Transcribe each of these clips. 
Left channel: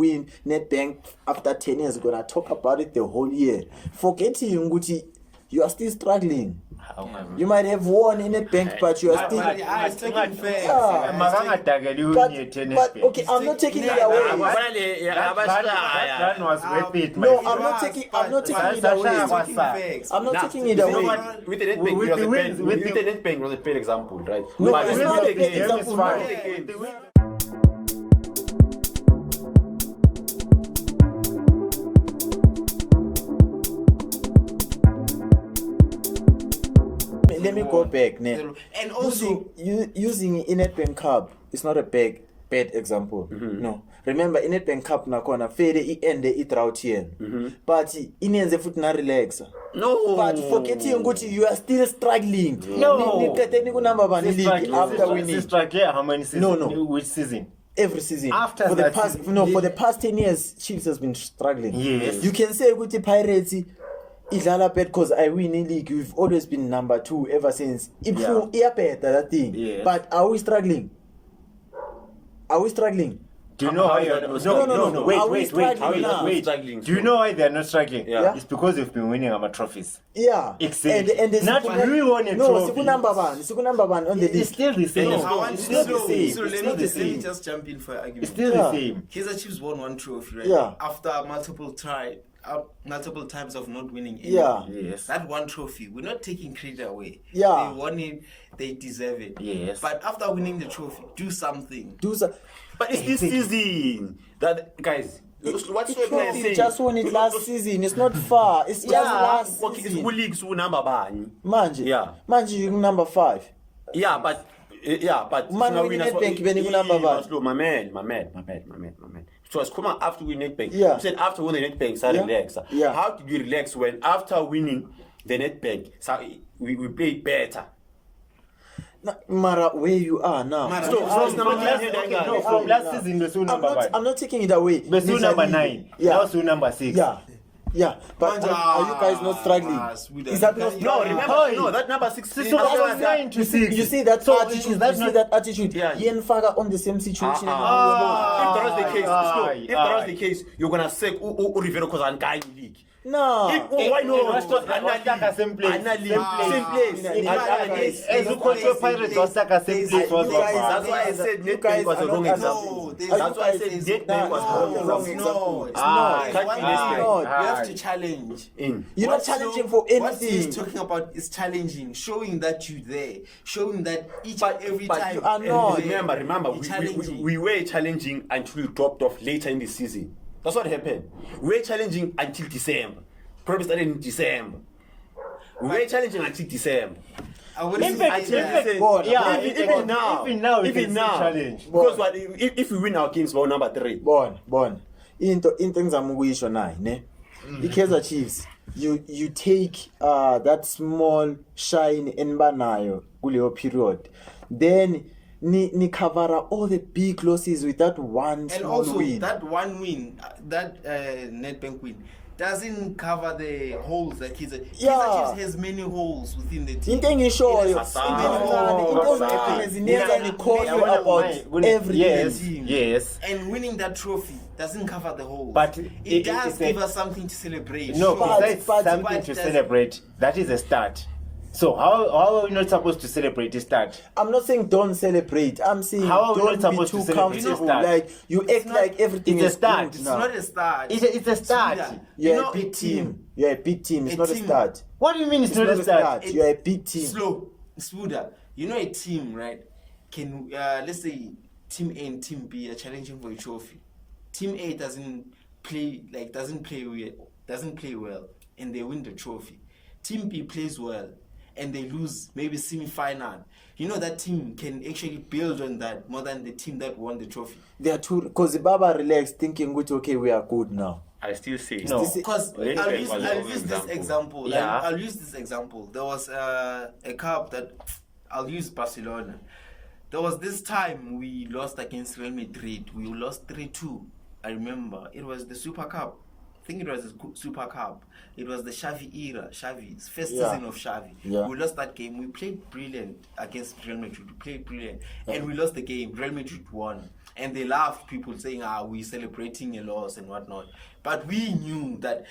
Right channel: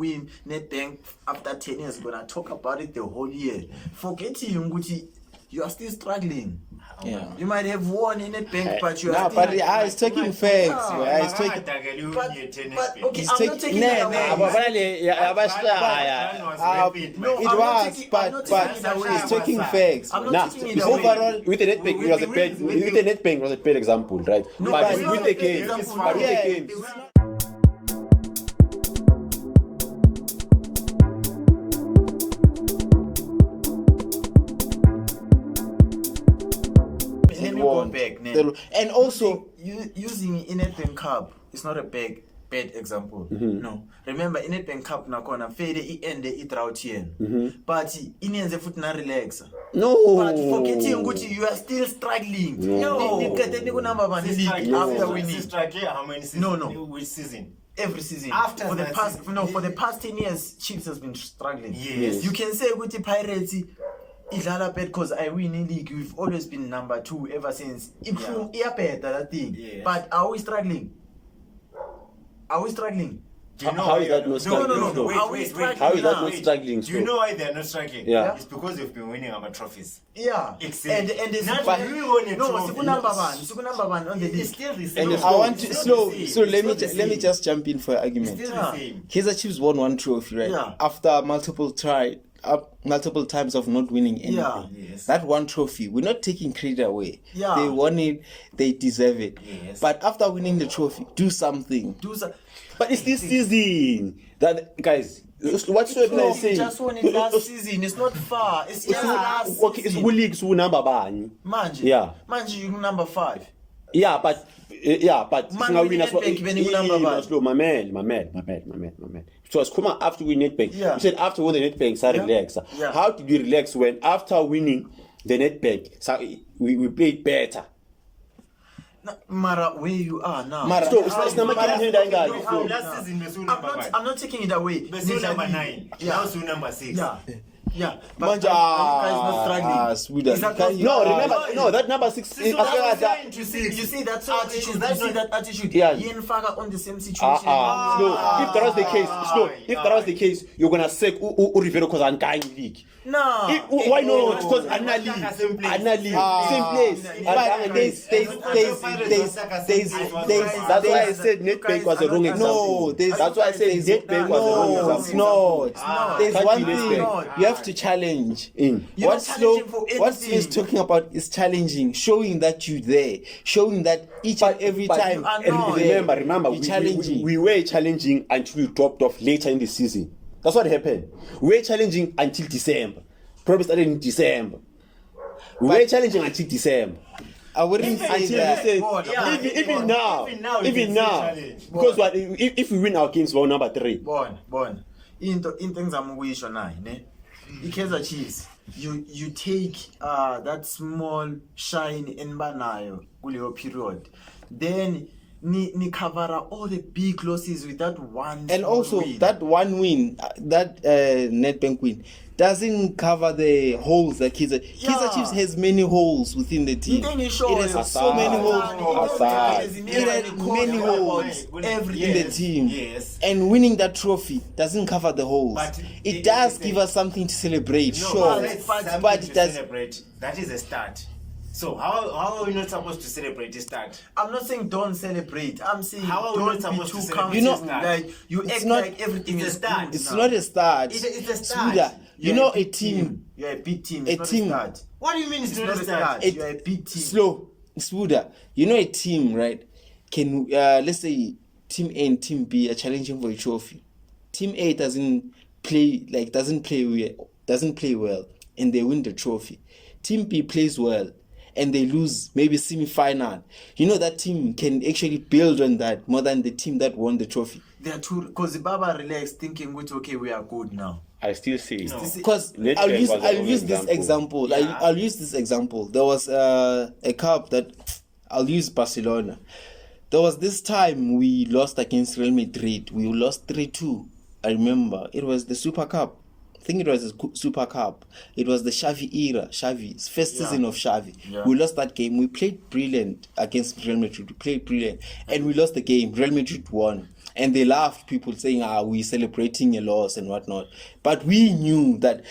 win Nedbank after 10 years, gonna talk about it the whole year. Forgetting Nguti, you are still struggling. Yeah. You might have won in Nedbank, but you are still. But it's taking facts. But okay, I'm not taking it away. No, I'm not taking it away. It's taking facts. I'm not taking it away. With the Nedbank was a bad example, right? No, but it's with not the a bad game, example. but with the Yeah. games. Let me go back, Ned. And also, using Nedbank Cup is not a bad example. No, remember Nedbank Cup nakona fede iende drought here, but inenze futhi na relax. No, but forgetting ukuthi you are still struggling. Ni number one league after winning. How many seasons? No. Which season? Every season After for the that past season, for the past 10 years Chiefs has been struggling. Yes. You can say ukuthi Pirates idlala bad because I win in league. We've always been number 2 ever since. That thing. Yes. But are we struggling? Are we struggling? Do you know How why is that they're not No. Wait, Are we wait, struggling How is that now? not struggling? Do you know why they're not struggling? Yeah. It's because they've been winning our trophies. Yeah. Exactly. And the Not we won a trophy. Siku number one on the It's league. still the same. I want to It's not the same. let It's me not just jump in for It's argument. still Yeah. the same. Kaizer Chiefs won one trophy, right? Yeah. After multiple times of not winning anything. Yeah. Yes. That one trophy, we're not taking credit away. Yeah. They won it, they deserve it. Yes. But after winning the trophy, do something. But it's this season that guys. What's your plan You saying? just won it last season. It's not far. It's just last Okay, it's season. who leagues who number bani? Manje. Yeah. Manje you number 5. Yeah, but Man, we need Nedbank, when you number one. slow, my man. So it's come after we Nedbank. Yeah. You said after winning the Nedbank, so relax. Yeah. How did we relax when after winning the Nedbank, so we played better? Mara, where you are now. Mara, So it's not Last season we saw number 5. I'm not taking it away. We saw number 9. Yeah. Now saw number 6. Yeah. But Manja, are you guys not struggling? Sweden. Is that because No, you are- remember, no, that number 6 So is that's after what I'm that. saying to 6. You see that attitude. that's You see not- that attitude. Yeah. Yen Faga on the same situation. No, if that was the case, if that was the case, you're gonna say Rivero because I'm dying league. No. Why not? Because I'm not Same place. same place. That's why I said Nedbank was the wrong example. That's why I said Nedbank was the wrong example. It's not. There's Can't one be thing Nedbank. you have to challenge. In. You're not challenging for What anything. he's talking about is challenging, showing that you're there, showing that each and every but time. you are you're not. there, Remember, you're challenging. we were challenging until we dropped off later in the season. That's what happened. We were challenging until December. Probably started in December. We were challenging until December. I wouldn't say Until that. we said, Yeah, even now, it's still challenge. because what if we win our games for number 3? Bon. Into ngizamukuyisho naye, ne? I-Kaizer Chiefs, you take that small shine enbanayo kuleyo period. Then ni cover all the big losses with that one And small also win. that one win, that Nedbank win, doesn't cover the holes that Kaizer Chiefs has many holes within the team. Into ngisho It has so many holes. many holes about every in the team. Yes. And winning that trophy doesn't cover the holes. But it does give us something to celebrate. No, sure. that's but something to does- celebrate. That is a start. So how are we not supposed to celebrate the start? I'm not saying don't celebrate. I'm saying How are we don't not be supposed to too celebrate? comfortable. Like you It's act not- like everything it's a is start. good It's now. not a start. It's a start. Suda, You're you know a big team. You're a big team. It's A not team. a start. What do you mean it's, It's not a start? You're a big team. Slow, Spuda. You know a team, right? Can let's say Team A and Team B are challenging for a trophy. Team A doesn't play well, and they win the trophy. Team B plays well, and they lose maybe semi-final. You know that team can actually build on that more than the team that won the trophy. They are too because Baba relaxed thinking, okay, we are good now. I still say No. Because Nedbank I'll use was the wrong this example. example. Yeah. I'll use this example. There was a cup that I'll use Barcelona. There was this time we lost against Real Madrid. We lost 3-2. I remember it was the Super Cup. I think it was the Super Cup. It was the Xavi era. Xavi's first season of Xavi. Yeah. We lost that game. We played brilliant against Real Madrid. We played brilliant, and we lost the game. Real Madrid won. and they laughed, people saying, we're celebrating a loss and whatnot. But we knew that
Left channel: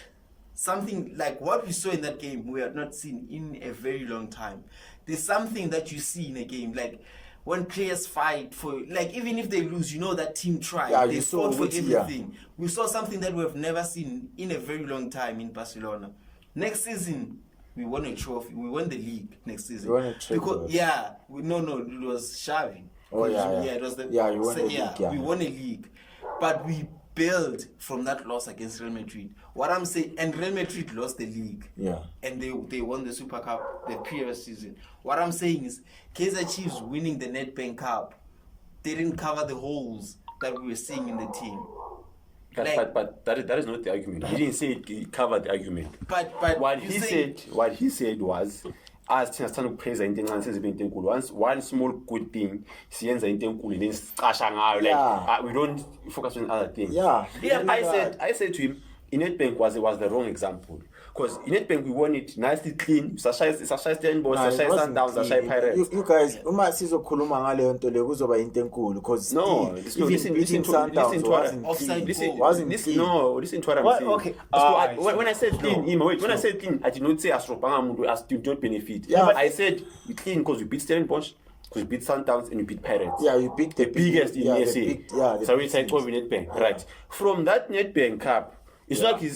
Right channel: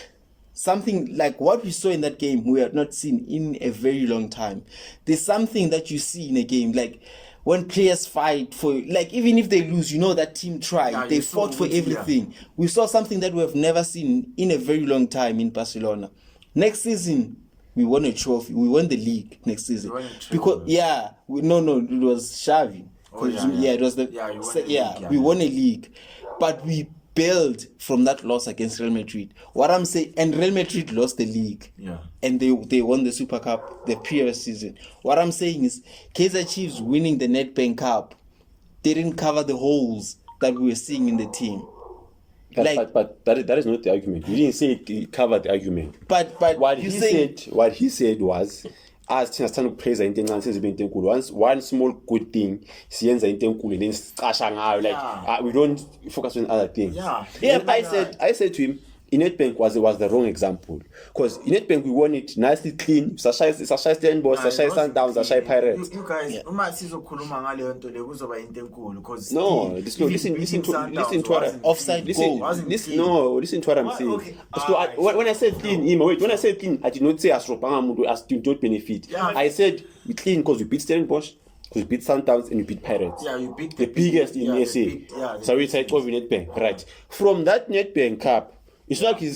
something like what we saw in that game, we had not seen in a very long time. There's something that you see in a game, like when players fight for, like, even if they lose, you know that team tried. Yeah, they you saw fought for it, yeah. everything. We saw something that we have never seen in a very long time in Barcelona. Next season, we won a trophy. We won the league next season. You won a trophy, because right? yeah, no, it was Xavi. Oh, yeah. It was the Yeah, you won a league, yeah. we won a league, but we built from that loss against Real Madrid. What I'm saying, and Real Madrid lost the league. Yeah. And they won the Super Cup the previous season. What I'm saying is, Kaizer Chiefs winning the Nedbank Cup didn't cover the holes that we were seeing in the team. But that is not the argument. He didn't say it covered the argument. But What you he saying- said was, as thina sithanda ukupraise into encane sizibe into enkulu. One small good thing siyenza into enkulu and then sicasha ngayo, like Yeah. we don't focus on other things. Yeah. Then I said to him, Nedbank was the wrong example, because Nedbank we won it nicely clean. Sashaya Stellenbosch, Nah, it Sashaya wasn't Sundowns, clean. Sashaya Pirates. You guys, uma sizokhuluma ngaleyo nto le kuzoba into enkulu, because No, listen to what Offside goal. listen to what I'm What? saying. Okay. So Alright. when I said clean, when I said clean, I did not say asropanga muntu as to not benefit. Yeah. I said we clean because we beat Stellenbosch, because we beat Sundowns, and we beat Pirates. Yeah, you beat the biggest in the SA. big- yeah, the So big it's like over Nedbank, right? From that Nedbank Cup, it's like he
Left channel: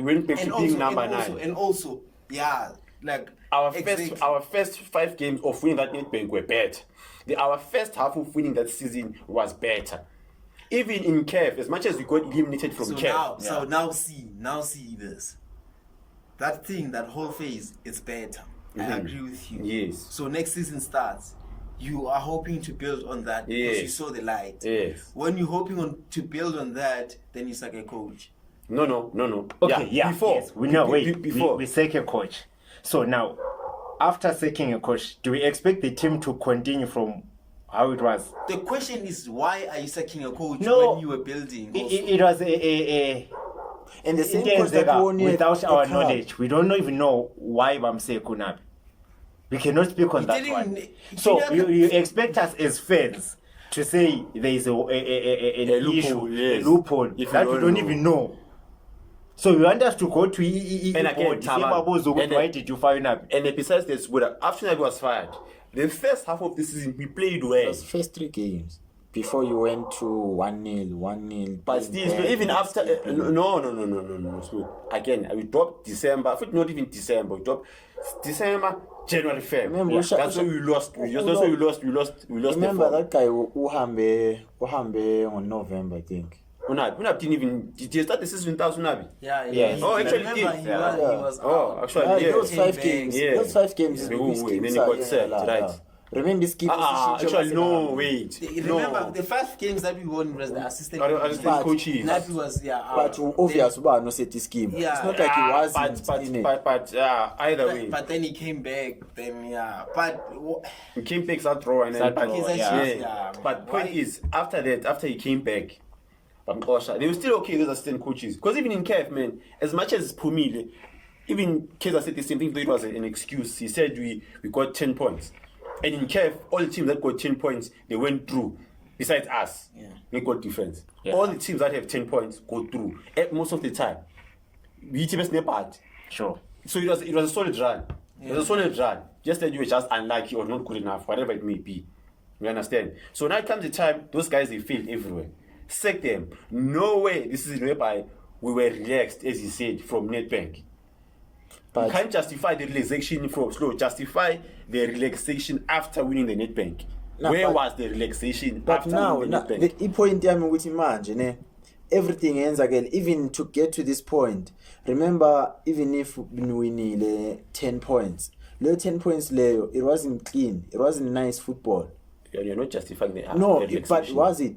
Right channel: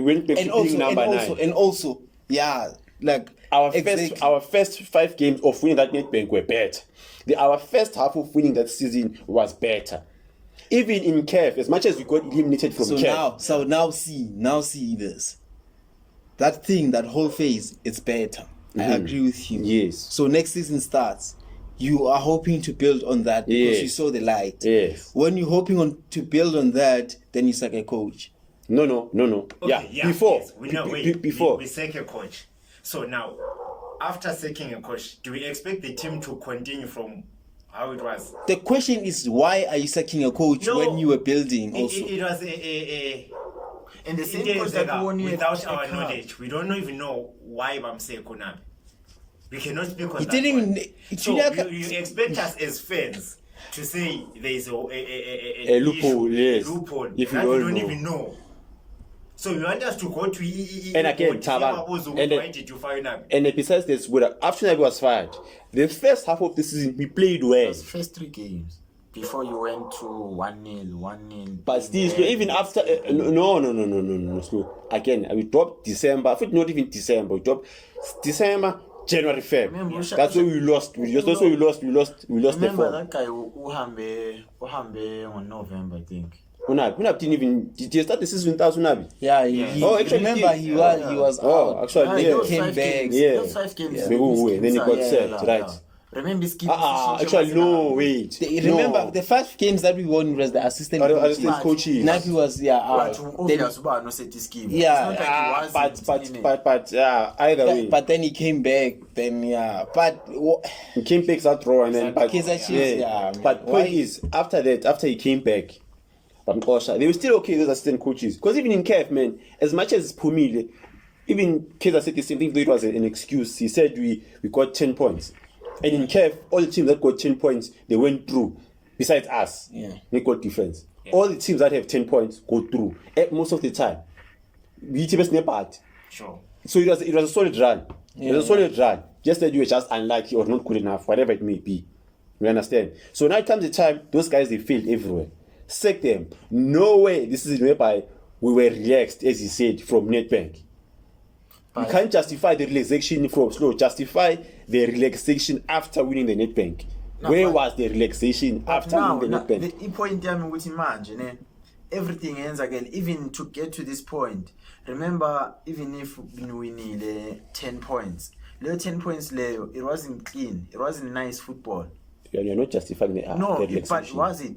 went back to being number 9. And also, yeah, like Our first 5 games of winning that Nedbank were better. Our first half of winning that season was better. Even in CAF, as much as we got eliminated from CAF. now see this. That thing, that whole phase, it's better. I agree with you. Yes. So next season starts, you are hoping to build on that because Yes. you saw the light. Yes. When you're hoping to build on that, then you suck a coach. No. Okay, Before. yes. We know. Before. We sack a coach. So now, after sacking a coach, do we expect the team to continue from how it was? The question is, why are you sucking a coach No. when you were building? Also? It was a and the same intense coach that era won you without a our cup. knowledge. We don't even know why Bamse Kunabi. We cannot speak on He that didn't one. even- So Junior- you expect us as fans to say there is a loophole, issue, yes. loophole If that you we don't don't know. even know. So you want us to go to And again, Taba, why did you fire Nabi? And besides this, after Nabi was fired, the first half of the season we played well. Those first 3 games before you went to 1-0. But still, even after no. So again, we dropped December. I think not even December. We dropped December, January, Feb. Remember, Yeah. That's why we lost. That's why we lost. We lost the Remember form. that guy uhambe on November, I think. Unabi didn't even. Did you start the season without Unabi? Yeah. Oh, actually, remember he he did. was Oh, out. actually, Those Came 5 back. games. Yeah. Those 5 games. Yeah. these Then he got games are- sacked, right? Remember this game? Actually, no, wait. Remember no. the first games that we won was the assistant. Assistant coaches. Nabi was out. But obvious about no set this game. Yeah, It's not like he was. But either way, But then he came back. Then but he came back that draw and then. But, Kaizer Chiefs, yeah. But Why- point is, after he came back, they were still okay, those assistant coaches. Because even in CAF, man, as much as Pumile, even Kaizer said the same thing, though it was an excuse. He said we got 10 points. And in CAF, all the teams that got 10 points, they went through. Besides us, Yeah. we got difference. Yeah. All the teams that have 10 points go through. Most of the time. We best part. Sure. So it was a solid run. It was a solid run. Just that you were just unlucky or not good enough, whatever it may be. You understand? So now comes the time, those guys, they failed everywhere. Sack them. No way. This is whereby we were relaxed, as he said, from Nedbank. You can't justify the relaxation from Slow. Justify the relaxation after winning the Nedbank. No, Where but- was the relaxation But after now, winning the Nedbank? the point yami ukuthi manje ne everything ends again. Even to get to this point, remember, even if winile 10 points, leyo 10 points leyo, it wasn't clean. It wasn't nice football. You're not justifying the No, the but relaxation. was it?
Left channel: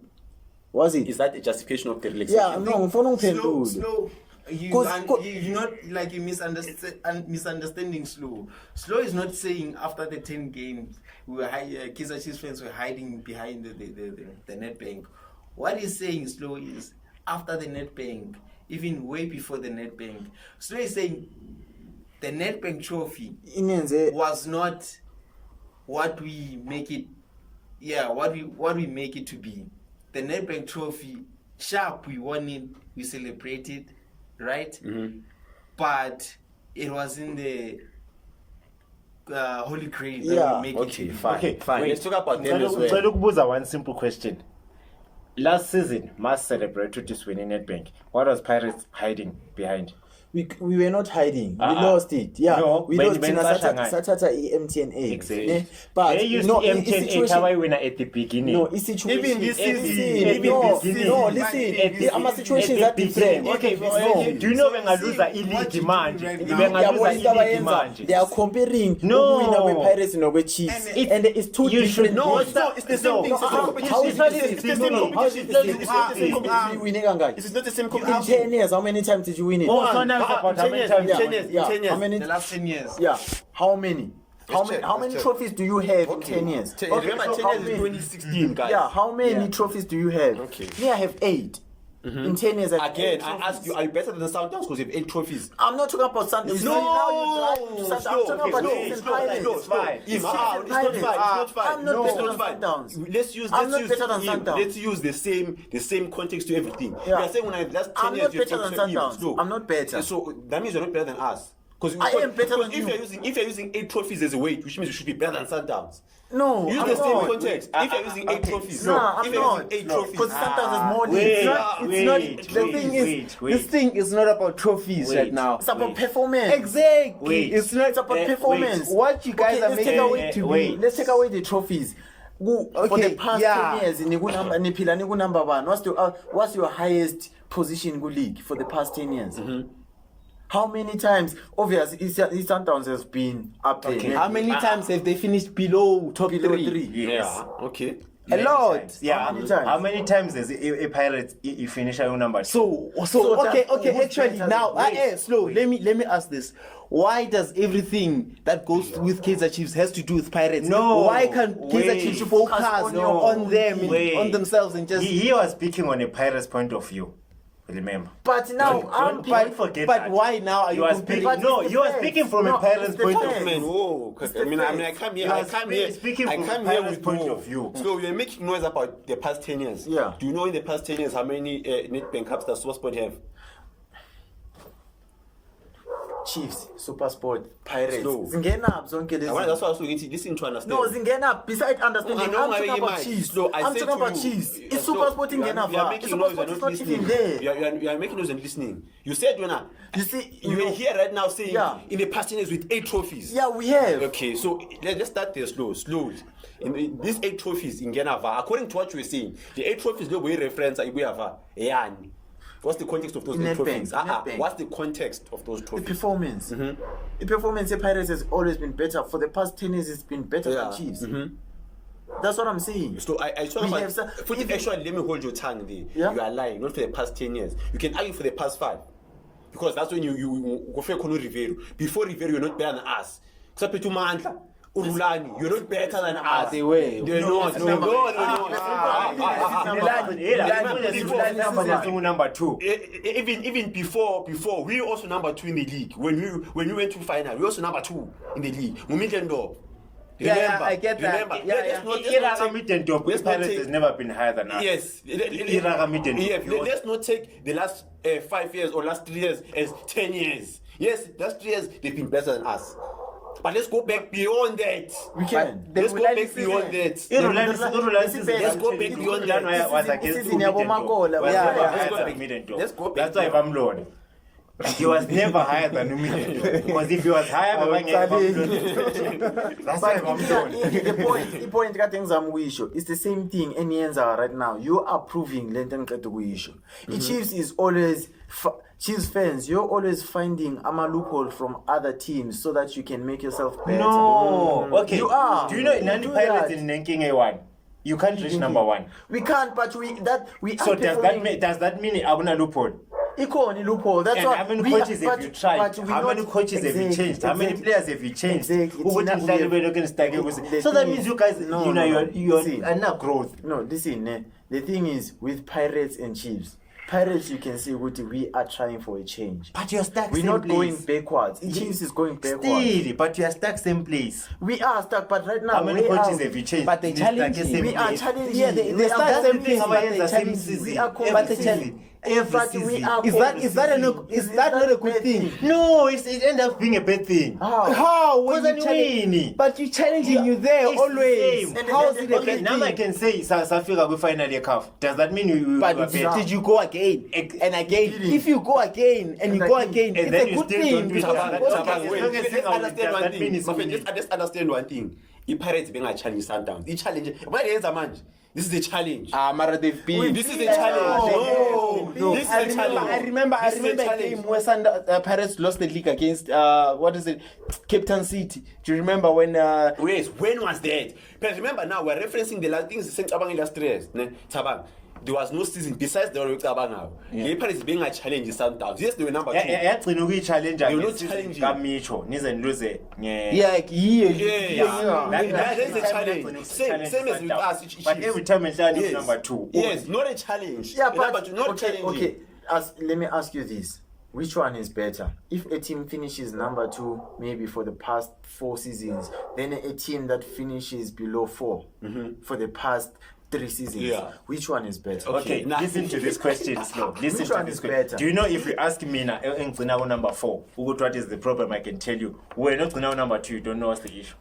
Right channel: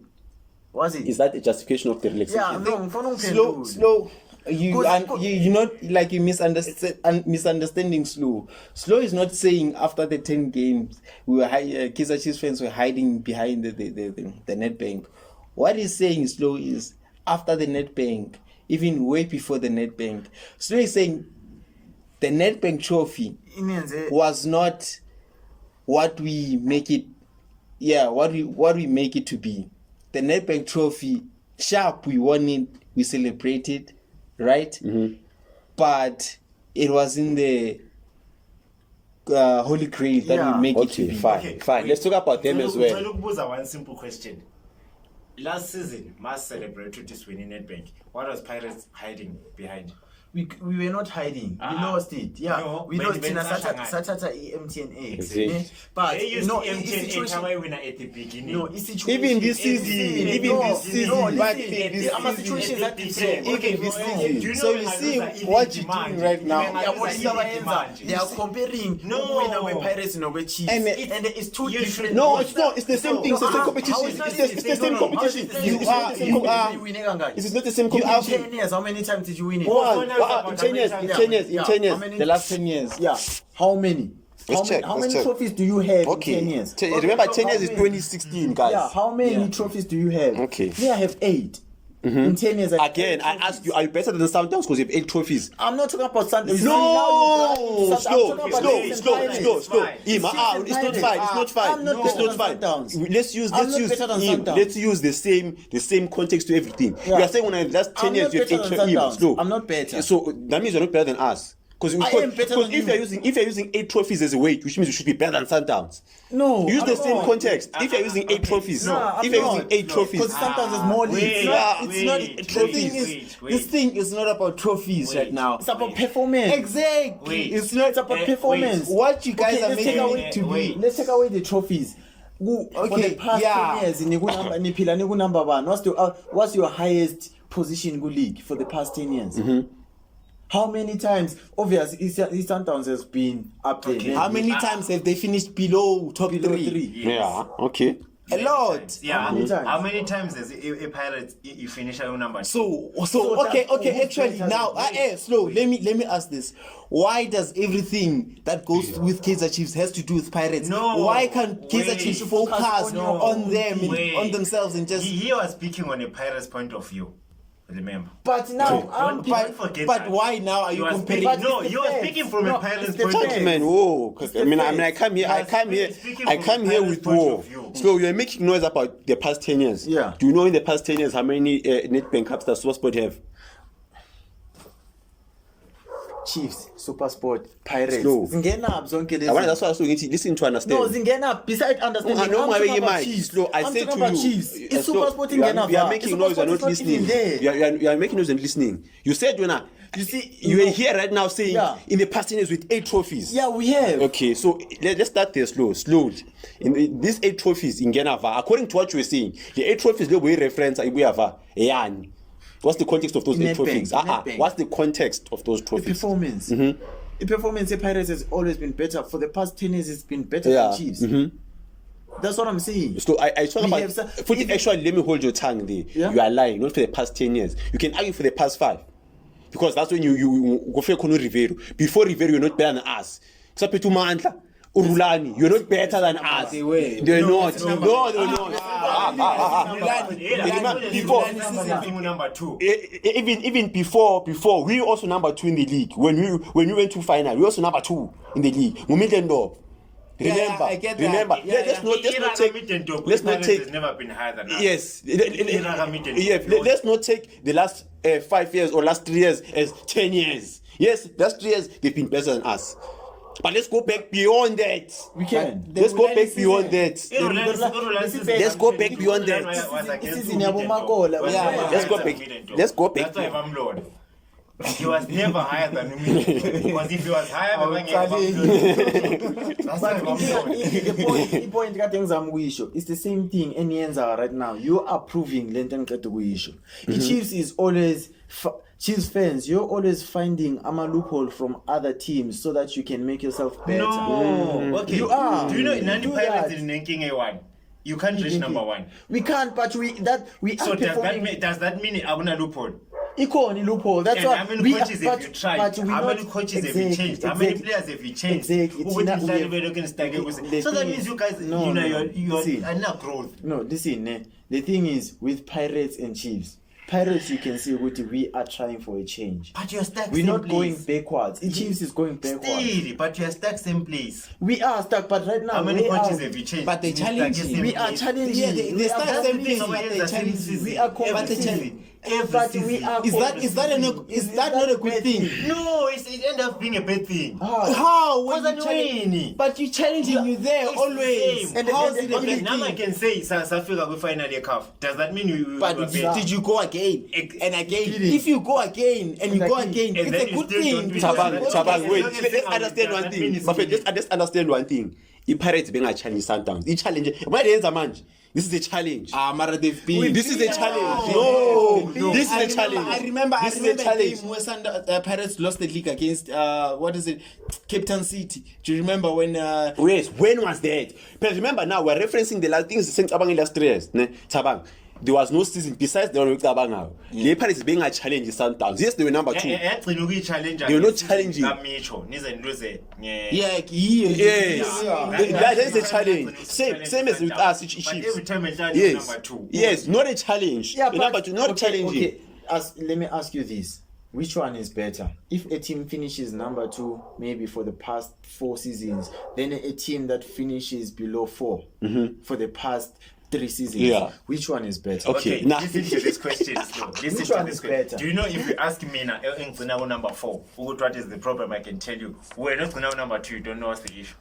Was it? Is that a justification of the relaxation? Yeah, no, ngifuna ungiphendule. slow. You 'Cause- you not like you misunderstanding slow. Slow is not saying after the 10 games we were Kaizer Chiefs fans were hiding behind the net bank. What he's saying slow is after the net bank, even way before the net bank. Slow is saying the net bank trophy Inenze was not what we make it. Yeah, what we make it to be. the Nedbank Trophy, sharp, we won it, we celebrated, right? But it was in the Holy Grail that Yeah. we make it to Okay, be. fine. Okay, Fine. wait. Let's talk about them as well. Ngicela ukubuza one simple question. Last season, must celebrate this win in Nedbank. What was Pirates hiding behind? We were not hiding. We Uh-uh. lost it. Yeah, No, we when- lost when in a Sasha ngai. Satata MTNA. Exactly. Eh, But They used no, the it's M10 situation. Hawaii winner at the beginning. No, it's situation. Even this season, even no, this season, no, but listen, this our season, situations are different. Okay, this no. season. Do you know So when you I see lose the what elite you're demand? doing right now. When I Yeah, lose what the is our elite answer? demand. They are comparing No. winner with Pirates and with Chiefs, And and it's two you different. should- No, No, it's not. It's the same no, thing. It's the same how competition. is that It's the same competition. You It's are- the same you competition. are- You winning, guys. It's not the same In competition. 10 years, how many times did you win it? Go on. now it's about In 10 years, how in many 10 years, Yeah. in 10 years. How many? The last 10 years. Yeah, how many? Let's check, How let's many check. trophies do you have Okay. in 10 years? Remember, 10 how years is many? 2016, guys. Yeah, how many Yeah. trophies do you have? Okay. Me, I have 8. In 10 years, I have Again, 8 I trophies. ask you, are you better than Sundowns because you have 8 trophies? I'm not talking about Sunday. No, I'm talking about slow. Pirates. Ima, it's not fine. It's not fine. I'm not It's better not than fine. Sundowns. Let's use I'm not better than Sundowns. let's use the same context to everything. Yeah. We are saying when I last 10 I'm years not you have better 8 than Im, Sundowns. slow. I'm not better. So that means you're not better than us. Because I am better than if you. you're using 8 trophies as a weight, which means you should be better than Sundowns. No, Use I'm the same not. context. If you're using 8 trophies, No, if I'm you're not. using 8 trophies, Because Sundowns is more leagues. It's not, Wait, the thing is, this thing is not about trophies right now. It's about performance. Exactly. Wait. It's not It's about Wait, performance. what you guys Okay, are let's making take away it to wait. be. Let's take away the trophies. For Okay, the past yeah. 10 years, niphila niku number 1. What's your highest position in league for the past 10 years? How many times? Obviously, East Sundowns has been up there. Okay. yeah. How many times have they finished below top Below 3? 3. yeah, okay. A lot. Yeah. How many times? How many times does a Pirates you finish your number? So that- okay. who's Actually, better now, than- slow. Let me ask this: why does everything that goes with Kaizer Chiefs has to do with Pirates? No, Why can't Kaizer wait. Chiefs focus Focus on them, Wait. on themselves, and just? He was speaking on a Pirates point of view. Remember. But now, I'm don't people- forget But that. why now are you You are comparing? speaking, no, it's the you are facts. speaking from No, a Pirates it's the point of facts. view. Man, whoa. It's I mean, the I come here. You I are come here. speaking I from come the here Pirates with point war. of view. So you're making noise about the past 10 years. Yeah. Do you know in the past 10 years how many Nedbank Cups does SuperSport have? Chiefs, SuperSport, Pirates. Slow. Zingena up zonke lezi. I want that's why I was going to listen to understand. No, Zingena up. Beside understanding, I know I'm my talking way, about Mike. Chiefs. Slow. I I'm said talking to about you. Chiefs. It's slow. SuperSport in You are- Ghana. You are making noise. You're not listening. You are making noise and listening. You said You see, you know- are here right now saying Yeah. in the past 10 years with 8 trophies. Yeah, we have. Okay, so let's start there slowly. In these 8 trophies in Ghana, according to what you were saying, the 8 trophies they were reference yani. What's the context of those 8 Nedbank, trophies? Nedbank. What's the context of those The trophies? performance. The performance of Pirates has always been better. For the past 10 years, it's been better Yeah. than Chiefs. That's what I'm saying. So I talk We about. have some- Actually, let me hold your tongue there. Yeah. You are lying. Not for the past 10 years. You can argue for the past 5, because that's when you go for Rivero. Before Rivero, you're not better than us. Except to Mandla. Urulani, you're not better than us. They were. They're not. no, Number 2. Even before we also number 2 in the league. When we went to final, we also number 2 in the league. Remember, Yeah, I get that. Remember, Yeah, let's not take. has never been higher than us. Yes. Yeah, Let's not take the last 5 years or last 3 years as 10 years. Yes, last 3 years they've been better than us. But let's go back beyond that. We can. Let's go back beyond that. Let's go back beyond that. Let's go back. Let's go back. That's why if I'm Lord. He was never higher than me. Because if he was higher than me, that's why if I'm Lord. The point kade ngizamukuyisho it's the same thing eniyenza right now. You are proving lento engiqeda ukuyisho. Chiefs is always Chiefs fans, you're always finding a loophole from other teams so that you can make yourself better. No. Okay. You are. Do you know in You 90 do Pirates that. in ranking A1, you can't reach number 1. We can't, but we So are does performing. that mean Abuna loophole? Ikoni loophole. That's And why. how many coaches have you tried? but we How not- many coaches have you exactly, changed? How many exactly. players have you changed? Exactly. Who would It's you not- stand we where they're going to start the with? thing So that is- means you guys, no, you know, no, no. you're See. not growth. No, listen, the thing is with Pirates and Chiefs, Pirates, you can see ukuthi we are trying for a change. But you're stuck We're same not going place. backwards. Chiefs is going backwards. Still, but you're stuck same place. We are stuck, but right now How many where are coaches we? have you changed? But they You're stuck challenge in you. same We are place. challenging. Yeah, they We are start same competing. place, but they Every challenge season. We are But they competing. challenge. But we are Is that competing. is that not a good thing? No, it ends up being a bad thing. How when Because you I'm challenge? winning. But you challenging you there It's always. the same. How is it a Okay, bad now I thing? can say South Africa will finally cup. Does that mean you? But you are better? did you go again and again? If you go again and you go again, And it's then a you good still thing. don't do because that. you go Chabang, again. wait, as long as let's you understand are- one that thing. means But you- let's understand one thing. I-Pirates benga-challenge Sundowns. I-challenge. Why they manje? This is a challenge. Mara they've been. This is a challenge. No. No, this is I a remember, challenge. I remember This is a a challenge. game where Pirates lost the league against what is it, Cape Town City. Do you remember when? Yes, when was that? But remember now, we're referencing the last things since Tabang illustrates. Tabang. There was no season besides the one with Tabang. The Pirates being a challenge in Sundowns. Yes, they were number 2. yagcina ukuyi-challenge You're not challenging. kamitsho nize niluze Yeah, Yes. yeah. That is a challenge. Same as with us, But every Chiefs. time I challenge Yes. number 2. Yes, not a challenge. Yeah, Number 2, not challenging. Okay. Let me ask you this: which one is better? If a team finishes number 2, maybe for the past 4 seasons, then a team that finishes below 4 for the past 3 seasons, Yeah. which one is better? Okay. Okay, Now- listen to this question slow. Listen Which to one this is question. better? Do you know if you ask me now, number 4, what is the problem? I can tell you. We're not number 2. You don't know what's the issue.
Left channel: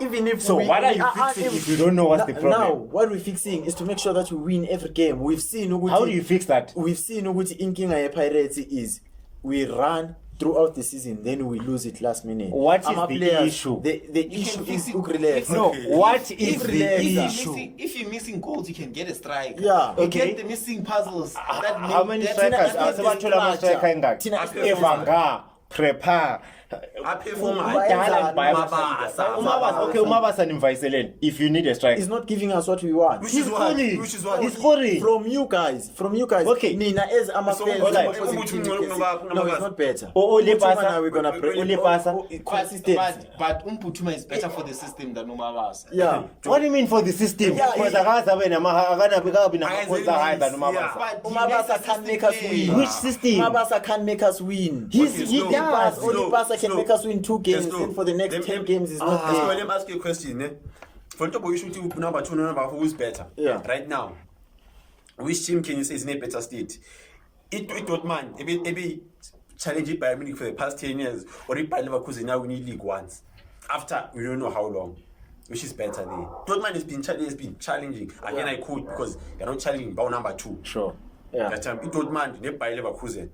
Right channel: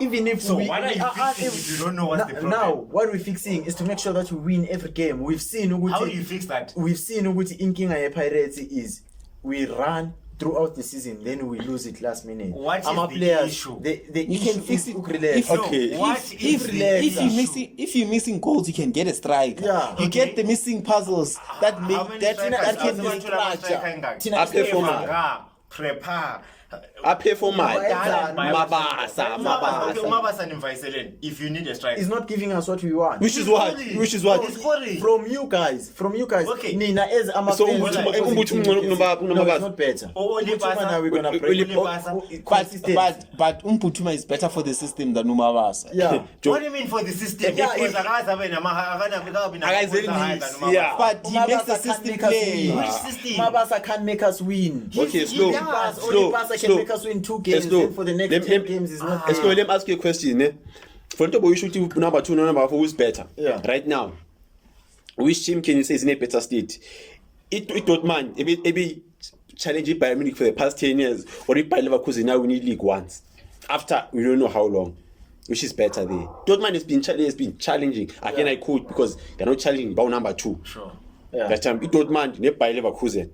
Even if So what are you fixing if you don't know what's the problem? Now, what we're fixing is to make sure that we win every game. We've seen How do you fix that? We've seen ukuthi inkinga ye-Pirates is we run throughout the season, then we lose it last minute. What is Our the players, issue? The You issue can fix is it. ukurelax. If no, Okay. What is the issue? if you're missing goals, you can get a striker. Yeah. You Okay. get the missing puzzles that make How many that strikers that are give there? the Bathola structure. striker ingaki? Thina Evanga, Prepare. I pay for mine. Bayenzani? Okay, Umabasa nimvayiseleni if you need a striker. He's not giving us what we want. Which is what? Sorry. Which is what? Oh, sorry. From you guys. Okay. Nina as ama So, fans, what- opposing what- team, what- you can what- say, what- no, what- it's not better. Ole Which one Pasa- are we gonna play? Ole Pasa- Consistent. But Umputuma is better for the system than Umabasa. Yeah. What do you mean for the system? Yeah, Because akazabe Yeah. But he makes the Umabasa can't system make us play. win. Which system? Umabasa can't make us win. Okay, slow. Only Pasa can make us win 2 games, and for the next 10 games is not Let's go, there. let me ask you a question. For the you should number 2, number 4, who's better? Yeah. Right now, which team can you say is in a better state? It don't mind. Maybe challenge Bayern Munich for the past 10 years, or if Bayer Leverkusen now we need league once. After we don't know how long. Which is better there? Dortmund has been challenging. Again, I quote because they're not challenging about number 2. Sure. Yeah. That time, Dortmund, ne Bayer Leverkusen.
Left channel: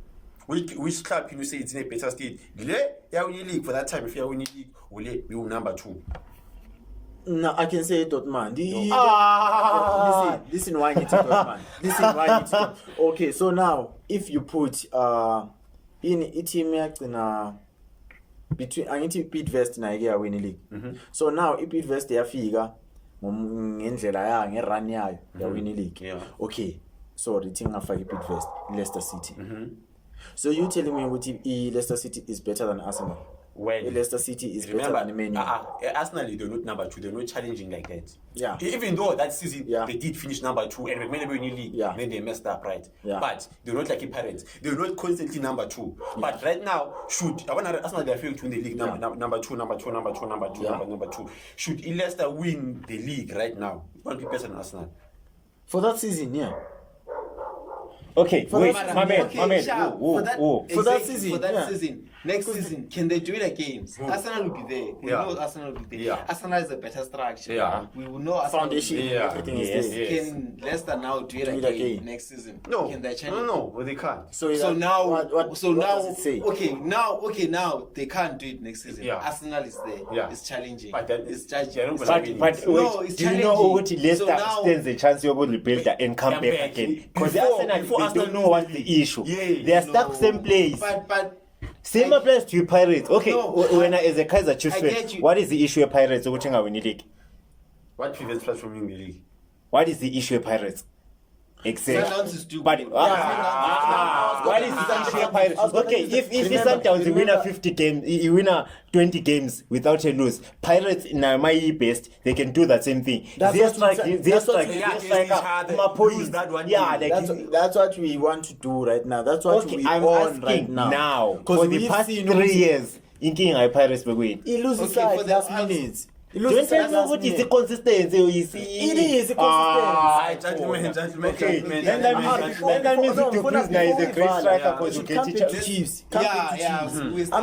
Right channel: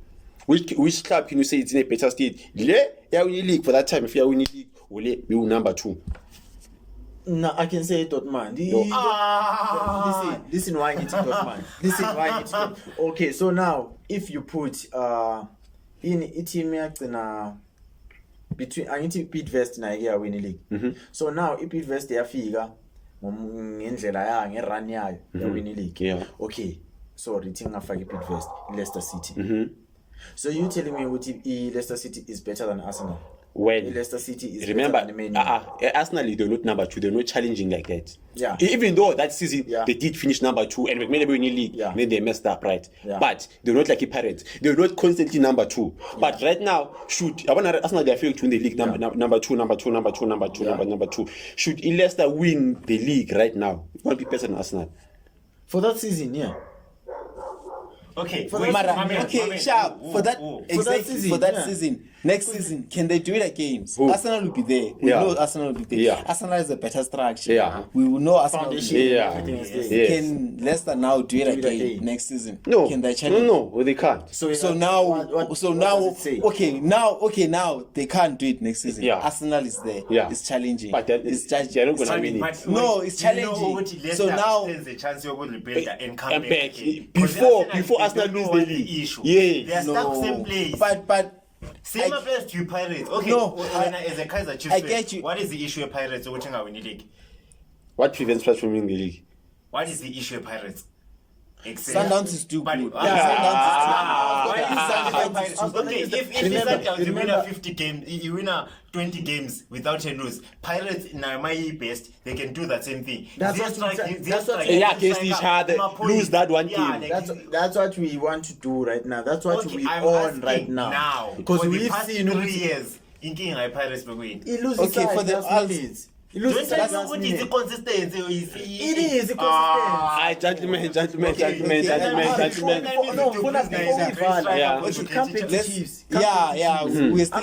Which club can you say it's in a better state? Yeah, we league for that time. If you are winning league, we will number 2. No, I can say Dortmund. Listen why it's Dortmund. Listen why it's Dortmund. Okay, so now if you put in a team between angithi Bidvest na yake win league. So now if Bidvest yafika ngendlela yayo ngerun yayo ya win league. Yeah. Okay. Sorry, ngafaka Bidvest Leicester City. So you telling me ukuthi Leicester City is better than Arsenal? When Leicester City is remember, better than Man U. Arsenal, they're not number 2. They're not challenging like that. Yeah. Even though that season Yeah. they did finish number 2 and McMahon were in the league, Yeah. then they messed up, right? Yeah. But they're not like a Pirates. They're not constantly number 2. But right now, should Arsenal they failed to win the league number 2. Should Leicester win the league right now, it won't be better than Arsenal. For that season, yeah. Okay, For wait, that- my man, Okay, sharp. For that, For that exactly, season, for that yeah. season, next season, can they do it again? Arsenal will be there. We Yeah. know Arsenal will be there. Yeah. Arsenal is a better structure. Yeah. We will know Arsenal Foundation, will be there. Yeah. everything is Yes. there. Yes. Can Leicester now do it again next season? No, Can they challenge? no, they can't. So Now, what does it say? now they can't do it next season. Yeah. Arsenal is there. Yeah. It's challenging. But then it's they're not gonna win it. But No, wait, it's do you know challenging. what Leicester So now- stands a chance you're going to build and come And back back. again? Before Arsenal they don't know lose what's the the league. issue. Yeah. They are stuck same place. But Same applies to Pirates. Okay, No, when as a Kaiser Chiefs I fan, get you. what is the issue of Pirates winning the league? What prevents us from winning the league? What is the issue of Pirates? Exactly. Sundowns is too But good. why is Sundowns Pirates? Okay, if Sundowns you win a 50 game, you win a 20 games without a lose. Pirates in my best, they can do that same thing. That's what- that's what- Yeah, against each other, lose that one Yeah, game. like, That's what we want to do right now. That's what okay, we I'm on right asking now. Because Because the we've past seen 3 years, inking high Pirates win. he loses Okay, side for the last odds- minutes. He Don't loses tell side me last what is the minute. consistency. You see, It is consistent. Gentlemen. Okay, Gentlemen. No, before Yeah. we should come back to Let's- Chiefs. We're still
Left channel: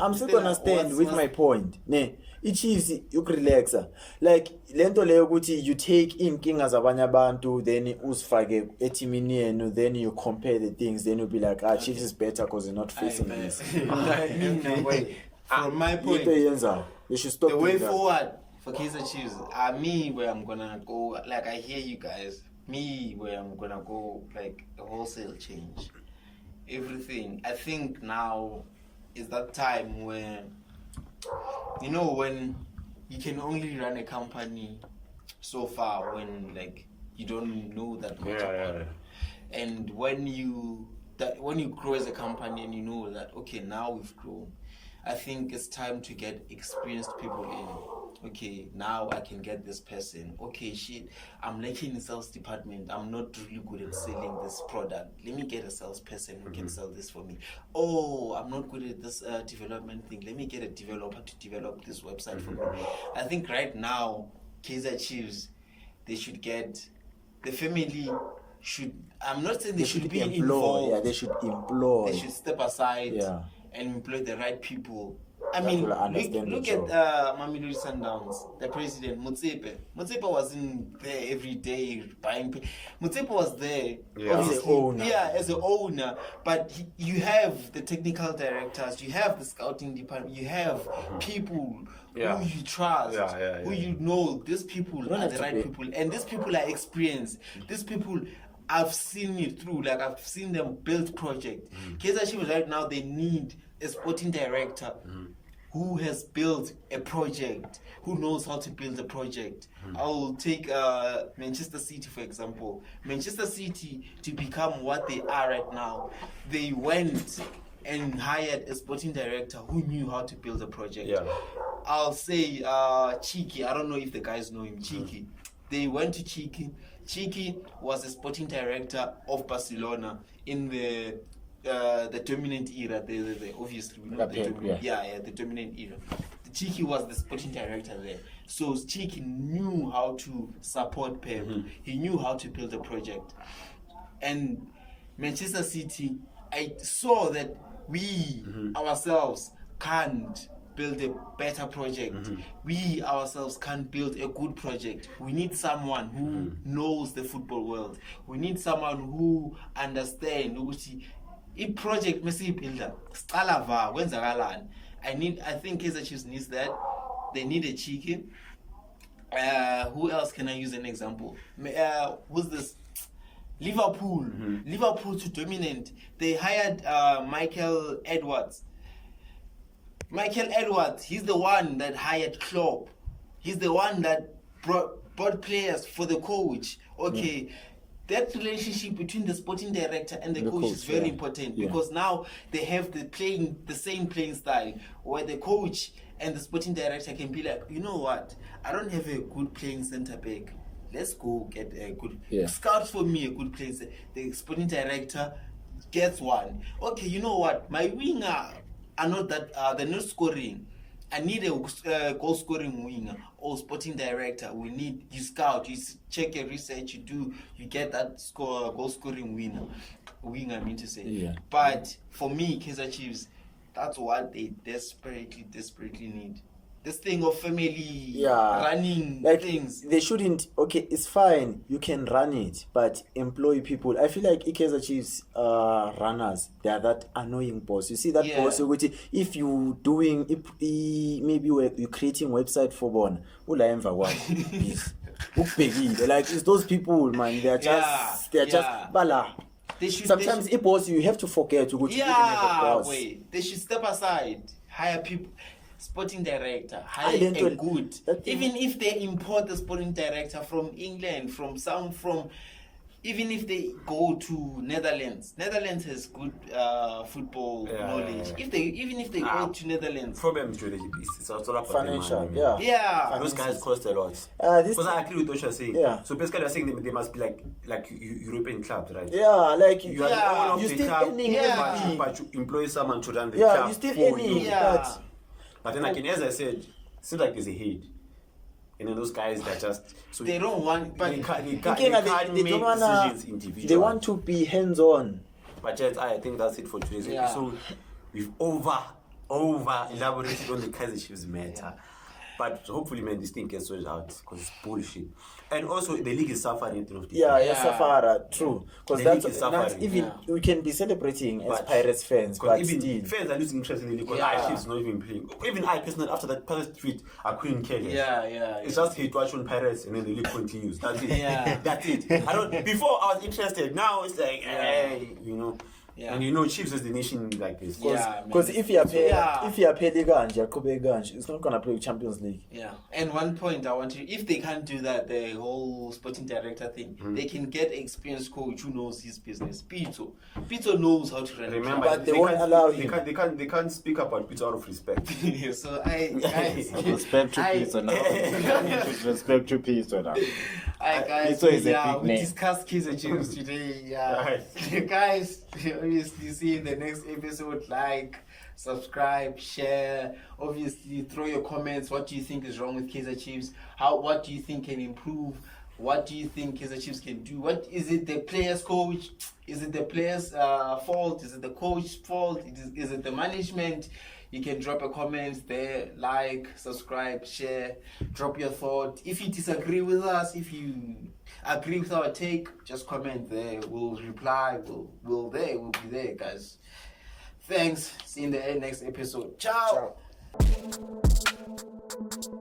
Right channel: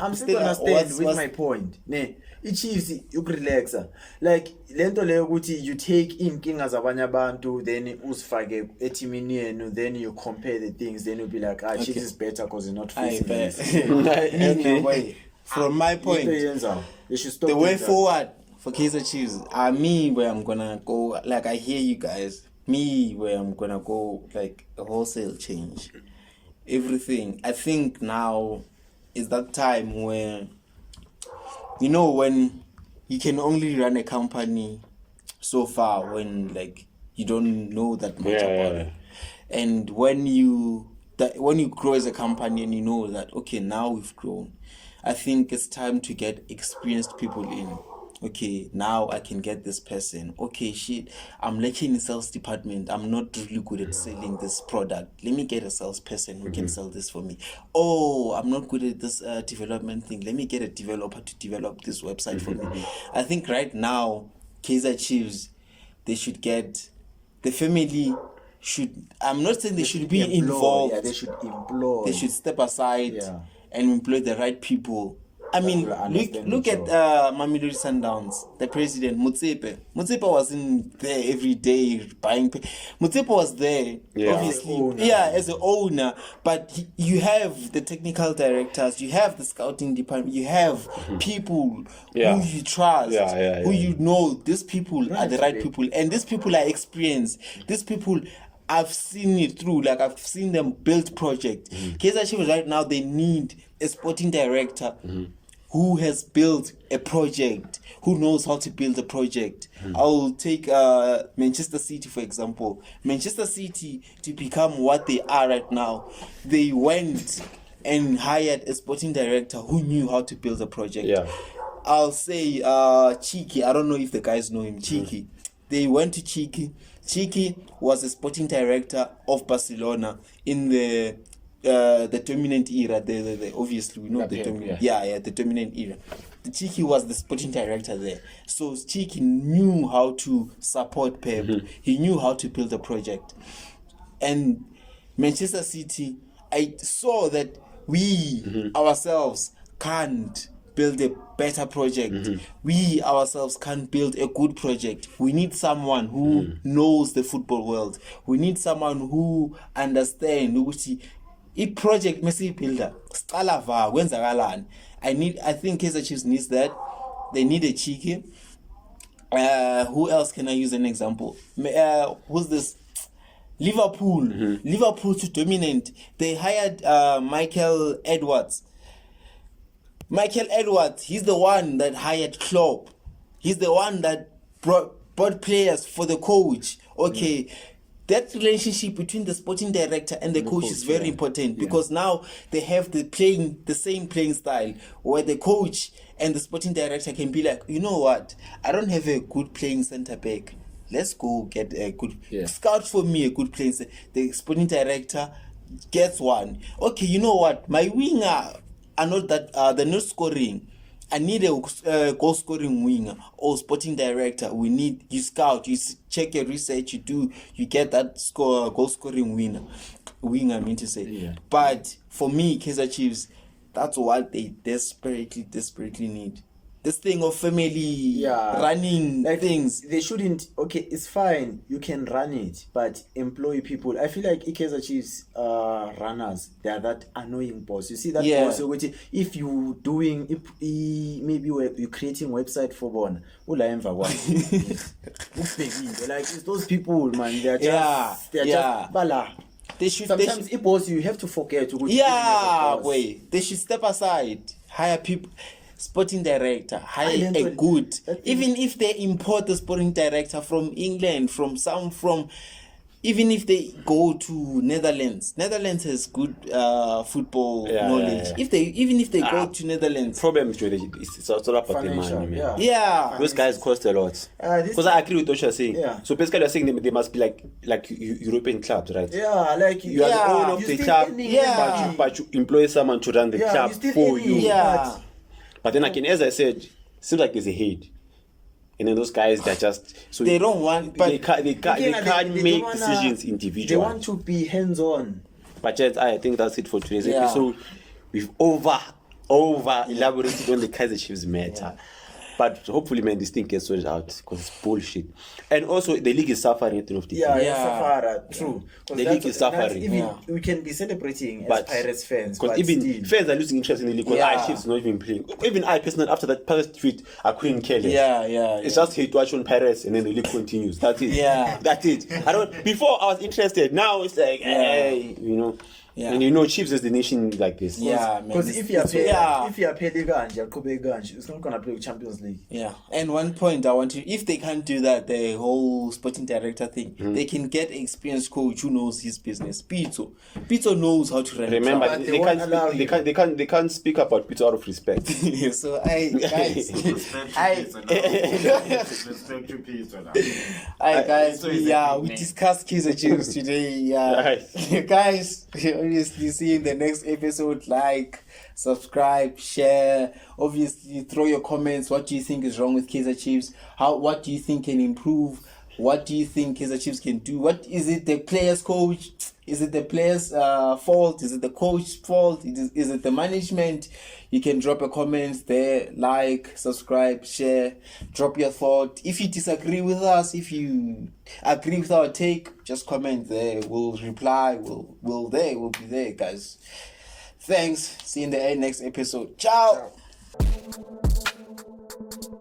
I'm still gonna stand with my point. Ne, i-Chiefs ukurelaxa. Like lento leyo ukuthi you take inkinga zabanye abantu then uzifake etimini yenu, then you compare the things, then you'll be like, Chiefs is better because they're not facing this. From my point, Into yenza. They should stop the way doing that. forward for Kaizer Chiefs, me where I'm gonna go, like I hear you guys, me where I'm gonna go, like a wholesale change. Everything. I think now is that time where, you know, when you can only run a company so far when like you don't know that much about it. And when you grow as a company and you know that, okay, now we've grown, I think it's time to get experienced people in. Okay, now I can get this person. Okay, shit, I'm lacking in sales department. I'm not really good at selling this product. Let me get a salesperson who can sell this for me. Oh, I'm not good at this development thing. Let me get a developer to develop this website for me. I think right now, Kaizer Chiefs, they should get, the family should, I'm not saying they should be employ. involved. Yeah, they should employ. They should step aside and employ the right people. I mean, will understand look the at job. Mamelodi Sundowns, the president, Motsepe. Motsepe wasn't there every day buying. Motsepe was there, obviously. As the owner. Yeah, as an owner. But you have the technical directors, you have the scouting department, you have people who you trust, who you know. These people are the right people. And these people are experienced. These people, I've seen it through. Like, I've seen them build projects. Kaizer Chiefs right now, they need a sporting director who has built a project, who knows how to build a project. I'll take Manchester City, for example. Manchester City, to become what they are right now, they went and hired a sporting director who knew how to build a project. I'll say Cheeky. I don't know if the guys know him. Cheeky. They went to Cheeky. Cheeky was a sporting director of Barcelona in the dominant era. The obviously we know the dominant. The dominant era. The Cheeky was the sporting director there. So Cheeky knew how to support Pep. He knew how to build a project. And Manchester City, I saw that we ourselves can't build a better project. We ourselves can't build a good project. We need someone who knows the football world. We need someone who understands ukuthi i-project mesiyibuilder siqala va kwenzakalani. I think Kaizer Chiefs needs that. They need a Cheeky. Who else can I use an example? Who's this? Liverpool. Liverpool to dominate. They hired Michael Edwards. Michael Edwards, he's the one that hired Klopp. He's the one that brought players for the coach. Okay, that relationship between the sporting director and the coach is very important because now they have the same playing style where the coach and the sporting director can be like, you know what, I don't have a good playing centre back. Let's go get a good scout for me a good playing. The sporting director gets one. Okay, you know what, my winger are not that they're not scoring. I need a goal scoring winger or sporting director. We need you scout, you check your research, you get that goal scoring winger. I mean to say, but for me, Kaizer Chiefs, that's what they desperately need. This thing of family running like things. They shouldn't. Okay, it's fine. You can run it, but employ people. I feel like Kaizer Chiefs runners, they are that annoying boss. You see that boss. If you doing, maybe you're creating website for one, like it's those people, man. They're just bala. Sometimes boss, you have to forget to go. They should step aside, hire people. Sporting director, hire a good. Even if they import the sporting director from England, from even if they go to Netherlands has good football Yeah, knowledge. yeah. Even if they go to Netherlands, Problem is it's all about the Financial, money, man. yeah, Those guys cost a lot. This- Because I agree with what you're saying. Yeah. So basically, you're saying they must be like European clubs, right? Yeah, like You are the owner of you the still club, earning Yeah. money. but you employ someone to run the Yeah, club you still for earning. you. Yeah. But then again, as I said, seems like there's a hate. And then those guys, they're just so they don't want. But they can't Again, make don't wanna- decisions individually. They want to be hands-on. But gents, I think that's it for today's Yeah. episode. We've over elaborated on the Kaiser Chiefs matter. But hopefully, man, this thing gets sorted out because it's bullshit. And also, the league is suffering at the end of the Yeah, day. yeah, Safara, true. The Because league is suffering. even Yeah. we can be celebrating as But- Pirates fans, Because but even still. fans are losing interest in the league because Yeah. Chiefs not even playing. Even I personally, after that Pirates tweet, I couldn't care less. yeah, It's just hate watch on Pirates and then the league continues. That's it. Yeah. That's it. I don't. Before I was interested. Now it's like, hey, you know. Yeah. And you know, Chiefs is the nation like this. Yeah, man. Because if you are paid, Yeah. if you are paid Ganje, it's not gonna play Champions League. Yeah, and one point I want to, if they can't do that, the whole sporting director thing, they can get experienced coach who knows his business. Pito knows how to run. a Remember, club. But they they won't allow can't, him. they can't speak about Peter out of respect. So guys, Respect to I- Pizza now. Respect to Pizza now. Hi guys, so is a yeah, big we name. discussed Kaiser Chiefs today. Yeah, guys, obviously see you in the next episode. Like, subscribe, share. Obviously, throw your comments. What do you think is wrong with Kaiser Chiefs? What do you think can improve? What do you think Kaiser Chiefs can do? What is it? The players' coach? Is it the players' fault? Is it the coach's fault? Is it the management? You can drop a comment there, like, subscribe, share, drop your thought. If you disagree with us, if you agree with our take, just comment there. We'll reply. We'll be there, guys. Thanks. See you in the next episode. Ciao. Ciao.